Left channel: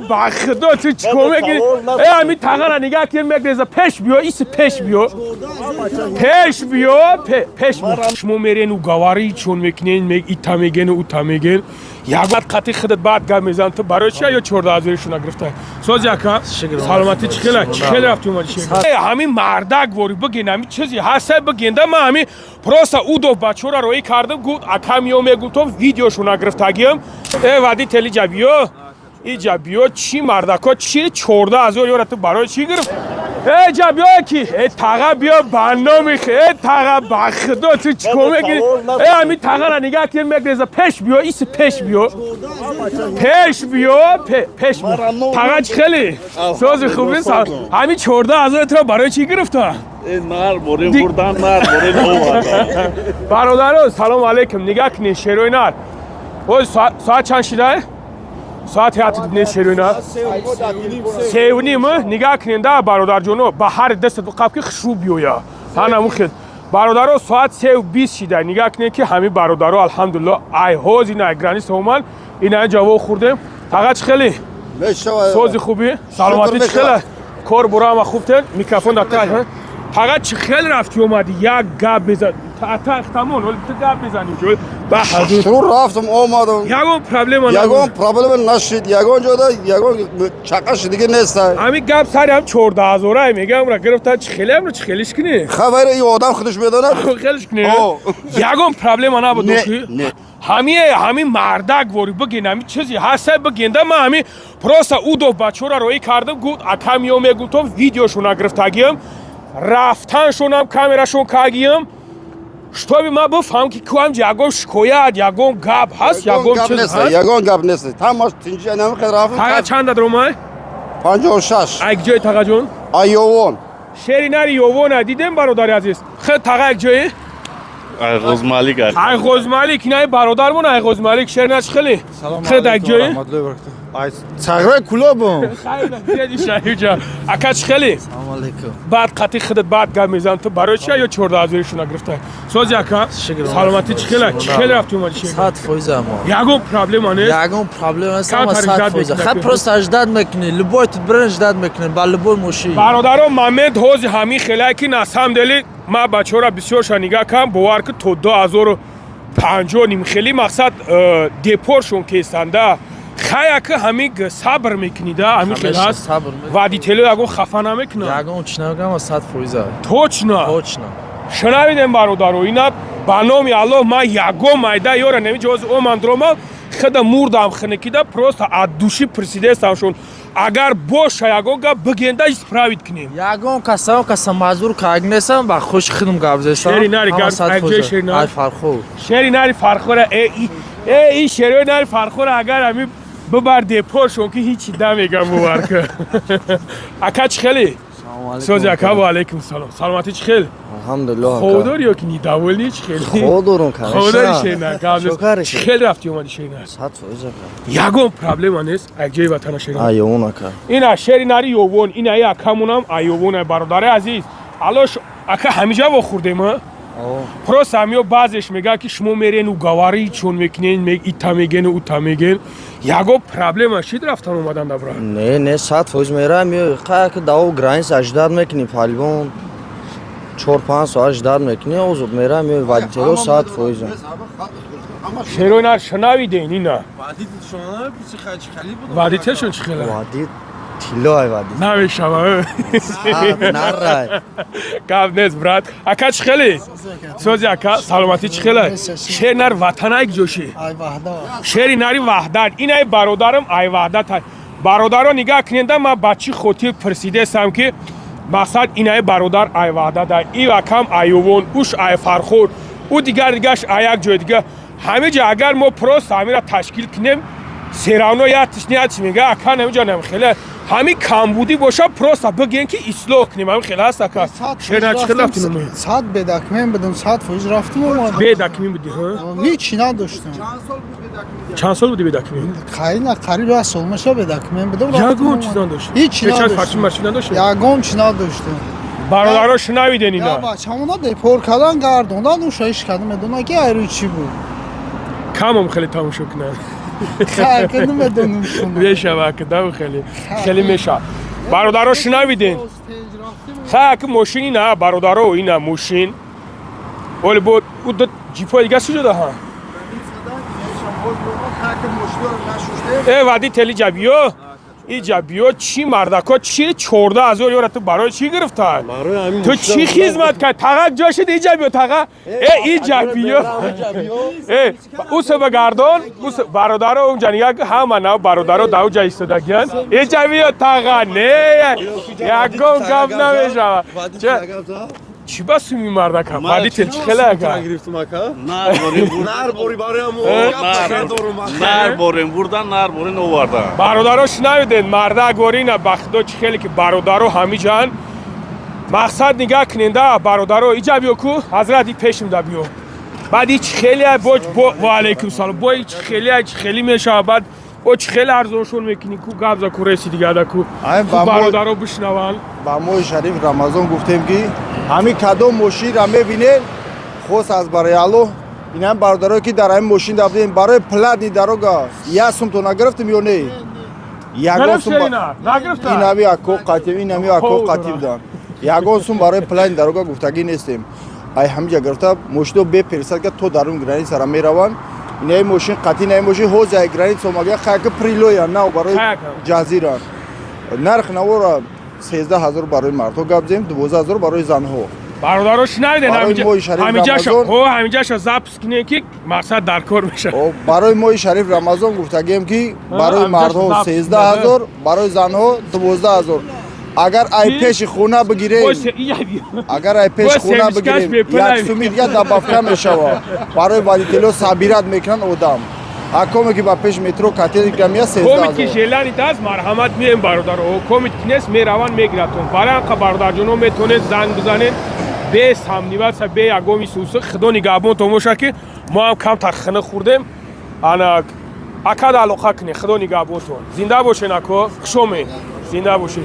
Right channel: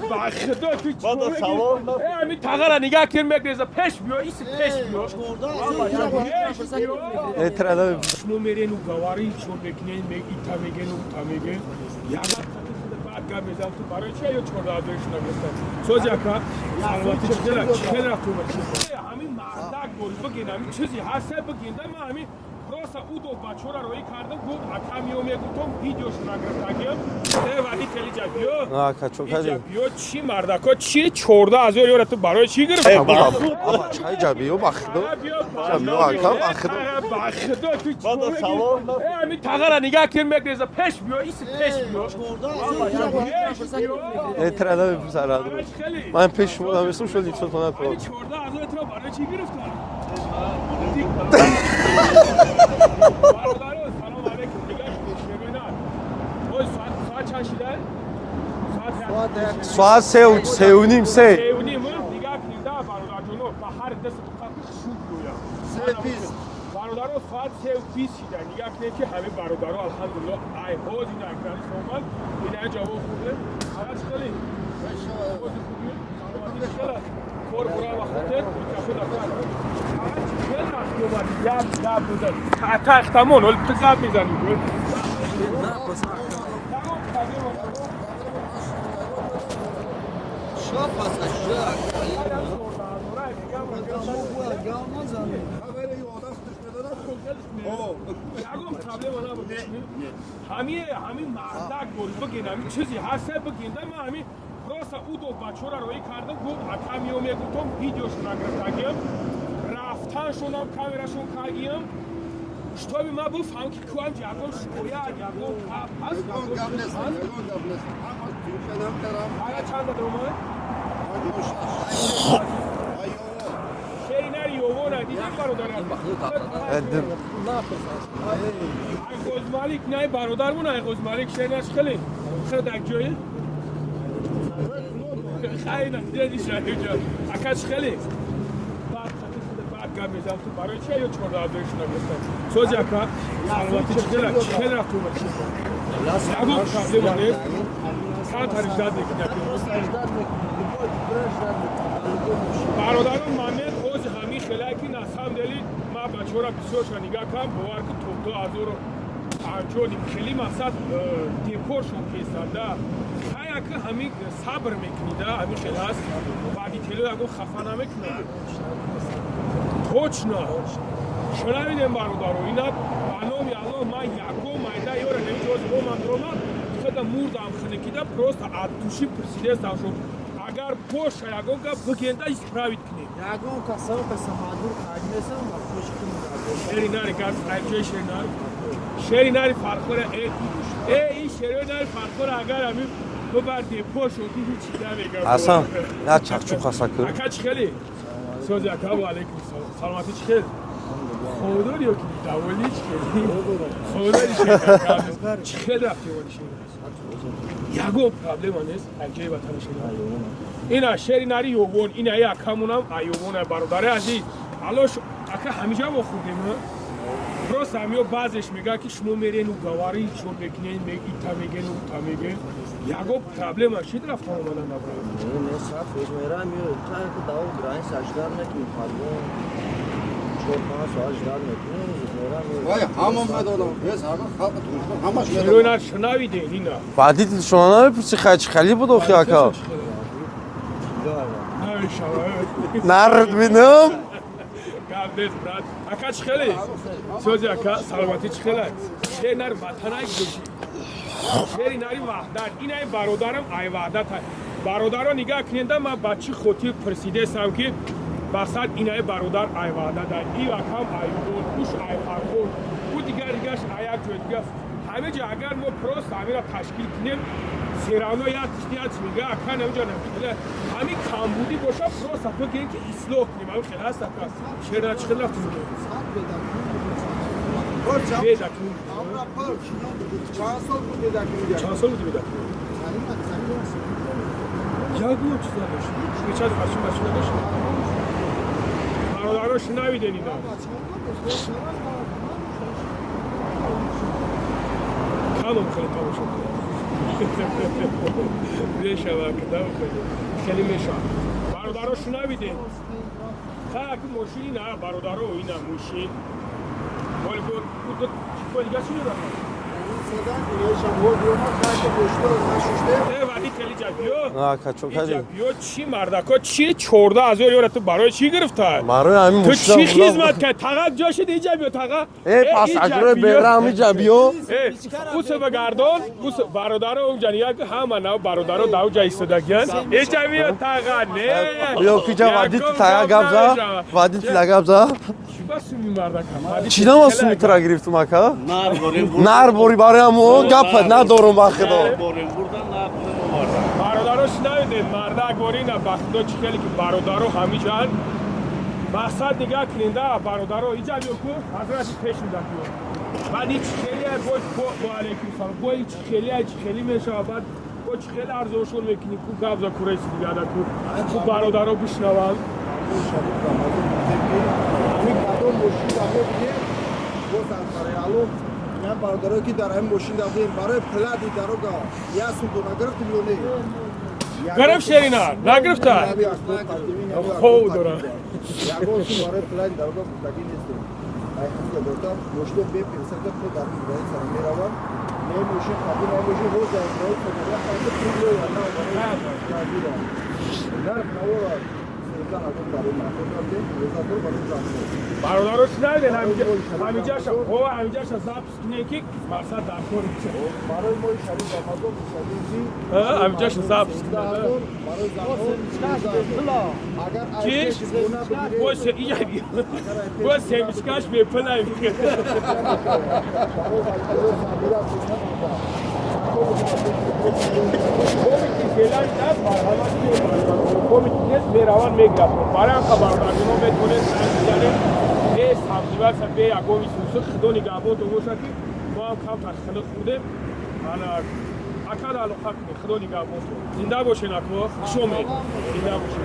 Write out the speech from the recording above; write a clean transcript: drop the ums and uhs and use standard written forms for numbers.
با خدا تو چیکار میکنی؟ همین تاقا نگاه کن میگه پیش بیا ایس پیش بیا پیش شما میرین و گواری چون میکنین میگ ایتا میگن و اوتا میگن یک وقت قطعی خودت بعد گم میزن تو برای چی یا 14,000 شون گرفتن سوزی اکا سلامتی چخیل رفتی اومدی همین مردک وری بگین همین چیزی هست بگین من همین پروسا او دو بچه را روی کردم گفت اکا میو میگفتم ویدیوشون گرفتگیم وادی تلی جابیو ای جابیو چی مردکا چی 14,000 یورو تو برای چی گرفت ای جابیو کی ای تاقا بیا برنامه ای تاقا با خدا تو چیکار میکنی همین تاقا را نگاه کن میگه پیش بیا ایس پیش بیا تاقا خیلی سوز خوبی همین 14,000 تو برای چی گرفت نار بردن برادران سلام علیکم نگاه کنین شیروی نار ساعت چند شده؟ ساعت هیات دیدین شیروی نار؟ ساعت 3:30 نگاه کنین ده برادر جونو به هر دست دو قبل که خشو بیویا هنه مخید برادران ساعت 3:20 شده نگاه کنین که همین برادران الحمدلله ای هوز این اگرانی سومن این جواب خوردیم فقط خیلی سوزی خوبی سلامتی خیلی کار برام خوبه میکروفون داتای فقط چه خیلی رفتی اومدی یک گپ بزن تا اختمون ولی تو گپ بزنی جوی بحضور شروع رفتم اومدم یگون پرابلم نشید یگون جدا یگون چقش دیگه نیست همین گپ سری هم 14,000 میگم را گرفتن چه خیلی هم رو چه خیلیش کنی خبر این آدم خودش میدونه خیلیش کنی یگون پرابلم نبود نه همین مردک وری بگین همین چیزی هست بگین من همین پروسا او دو بچه را روی کردم گفت اکا میو میگفتم ویدیوشون گرفتگیم رفتنشون هم کامیراشون کاگیم شتوبی ما بفهم که کوام یگون شکایت یگون گپ هست یگون چیز هست یگون گپ نیست تماش تینجی نمیخواد رفتم تاقا چند داد رومای؟ 56 یک جای تاقا جون؟ ایوون شیری نری یوون دیدیم برادر عزیز خیلی تاقا یک جایی؟ ایغوز مالک ایغوز مالک اینای برادرمون ایغوز مالک شیری نش خیلی خیلی یک جایی؟ تغییر کلوبم اکاچ خیلی بعد قطعی خودت بعد گم میزن تو برای چی یا 14,000 شون گرفتن سوزی اکا سلامتی چخیل رفتی اومدی صد فویزم یگون پرابلم نیست یگون پرابلم است اما صد فویزم خط پروست اجداد میکنی لبوی تو برن اجداد میکنی با لبوی موشی برادرم محمد هوز همین خیلی که نسام دلی ما بچه را بسیار شنیگاه کم بوار که تو 2050 نیم خیلی مقصد دیپورشون که استنده خیلی که همین صبر میکنید همین خیلی هست وادی تلو یگون خفه نمیکنه یگون چی نمیگم و صد فویزم توچنا شنویدم برادرو اینا بانومی الله ما یگون مایده یورا نمیجوز او مندروما خدا موردم خنکیده پروست ادوشی پرسیده استمشون اگر باشه یگون گپ بگنده اسپراوید کنیم یگون کسا مازور کاگنسم با خوش خدم گابزستم شری نری گپ اگه شری نری فرخو شری نری فرخوره ای شری نری فرخوره اگر همین ببر دیپورشون که هیچی نمیگم بوار اکاچ خیلی سوزی اکا و علیکم سلام سلامتی چخیل الحمدلله خودار یا که نیداول نیچ خیلی خودارون کنه خوداری شیرنر چخیل رفتی اومدی شیرنر صد فویزم یگون پرابلم نیست اگه وطن شیرنر ایوون اکا این شری نری یوون این ای اکامونم ایوون برادر عزیز الاش اکا همیجا با خوردیم پروس همیو بعضش میگه که شما میرین و گواری چون میکنین میگ ایتا میگن و اوتا میگن یگو پرابلم شید رفتن اومدن دبرا نه صد فویز میرم خیلی که داو گرانس اجداد میکنیم فالبون 4-5 ساعت اجداد میکنیم اوزو میرم وادی تلو صد فویزم شیروی نر شنویدین اینا وادی شما پرسی خیلی بود وادی تشون چخیله وادی تیلای وادی نمیشم نه گاب نیست برات اکا چخیلی سوزی اکا سلامتی چخیله شیر نر وطن اگ جوشی شیری نری وحدت این ای برادرم ای وحدت برادرها نگاه کننده ما بچی خودی پرسیده سم که مقصد این ای برادر ای وحدت ای وکم ایوون اوش ای فرخور او دیگرش ای یک جای دیگه همه جا اگر ما پروست همین را تشکیل کنیم سیرانو یا تشنیت میگه اکا نمیجا نمیخیله همین کمبودی باشه پروست بگین که اصلاح کنیم همین خیلی هست اکا شیر نچخیل رفتیم صد بدکمین بدم صد فوز رفتم اومد بدکمین بودی ها؟ هیچی نداشتم چند سال بودی بدکمین؟ خیلی نه قریب 10 سال میشه بدکمین بدم یگون چیز نداشت؟ هیچی نداشتم یگون چی نداشتم برادرها شنویدین اینا یا بچه همونا دیپور کردن گردوندن و شایش کردن میدونه که ایروی چی بود کم هم خیلی تماشا کنه خاک نمیدونم میشه کدام خیلی میشه برادرها شنویدین خاک ماشینی نه برادرها اینا ماشین ولی بود اون جیپای دیگه چی شده ها وادی تلی جابیو این جابیو چی مردکا چی 14,000 یورو تو برای چی گرفتن تو چی خدمت کرد تاقا جاش دی جابیو تاقا این جابیو او سو بگردان برادر اون جنیا همه نه برادر داو جای ایستادگیان این جابیو تاقا نه وادی تلاگابزا چی بس می مردکا وادی چی چه نماز گرفتم اکا نار بوری برایم او گپ ندارم نار بریم بردن نار برین آوردن برادرها شنویدین مرده گورینه بخدا چی خیلی که برادرها همی جان مقصد نگاه کننده برادرها ایجا بیو کو حضرت پیشم دا بیو بعد هیچ خیلی با علیکم سلام با هیچ خیلی میشه بعد با چی خیلی ارزونشون میکنی کو قبضا کو رسی دیگه دا کو برادرها بشنوان با ما شریف رمضان گفتیم که همین کدام ماشین را میبینیم خوست از برای الو این هم برادرایی که در این ماشین دادیم برای پلادی دروگا یا سوم تو نگرفتیم یا نه یگان سوم نگرفتن این همی اکو قاتیم این همی اکو قاتیم دان یگان سوم برای پلادی دروگا گفتگی نیستیم ای همینجا گرفته مشتو بپرسد که تو در اون گرانی سر میروان این ماشین قاطی نه ماشین حوض گرانی سوماگه خاک پریلویا نه برای جزیره نرخ نورا 13,000 برای مرد گفتیم 12,000 برای زنها برادرها شنیدین همینجا شو زبط کنه که مقصد در کار میشه برای ما شریف رمضان گفتگیم که برای مردها 13,000 برای زنها 12,000 اگر ای پیش خونه بگیریم اگر ای پیش خونه بگیریم یک سومید یا دبافته میشوه برای والیتلو صبیرت میکنن اودام حکومه که با پیش مترو کاتیل کمیه 13,000 کومیت که جلاری دست مرحمت میم برادر کومیت که نیست میروان میگرفتون برای انقا برادر جنو میتونه زنگ بزنه به سامنیوات سه به یگومی سوسو خدا نگهبون تو موشه که ما هم کم تخنه خوردیم انا اکاد علاقه کنی خدا نگهبون تو زنده باشه نکو خوشومه زنده باشه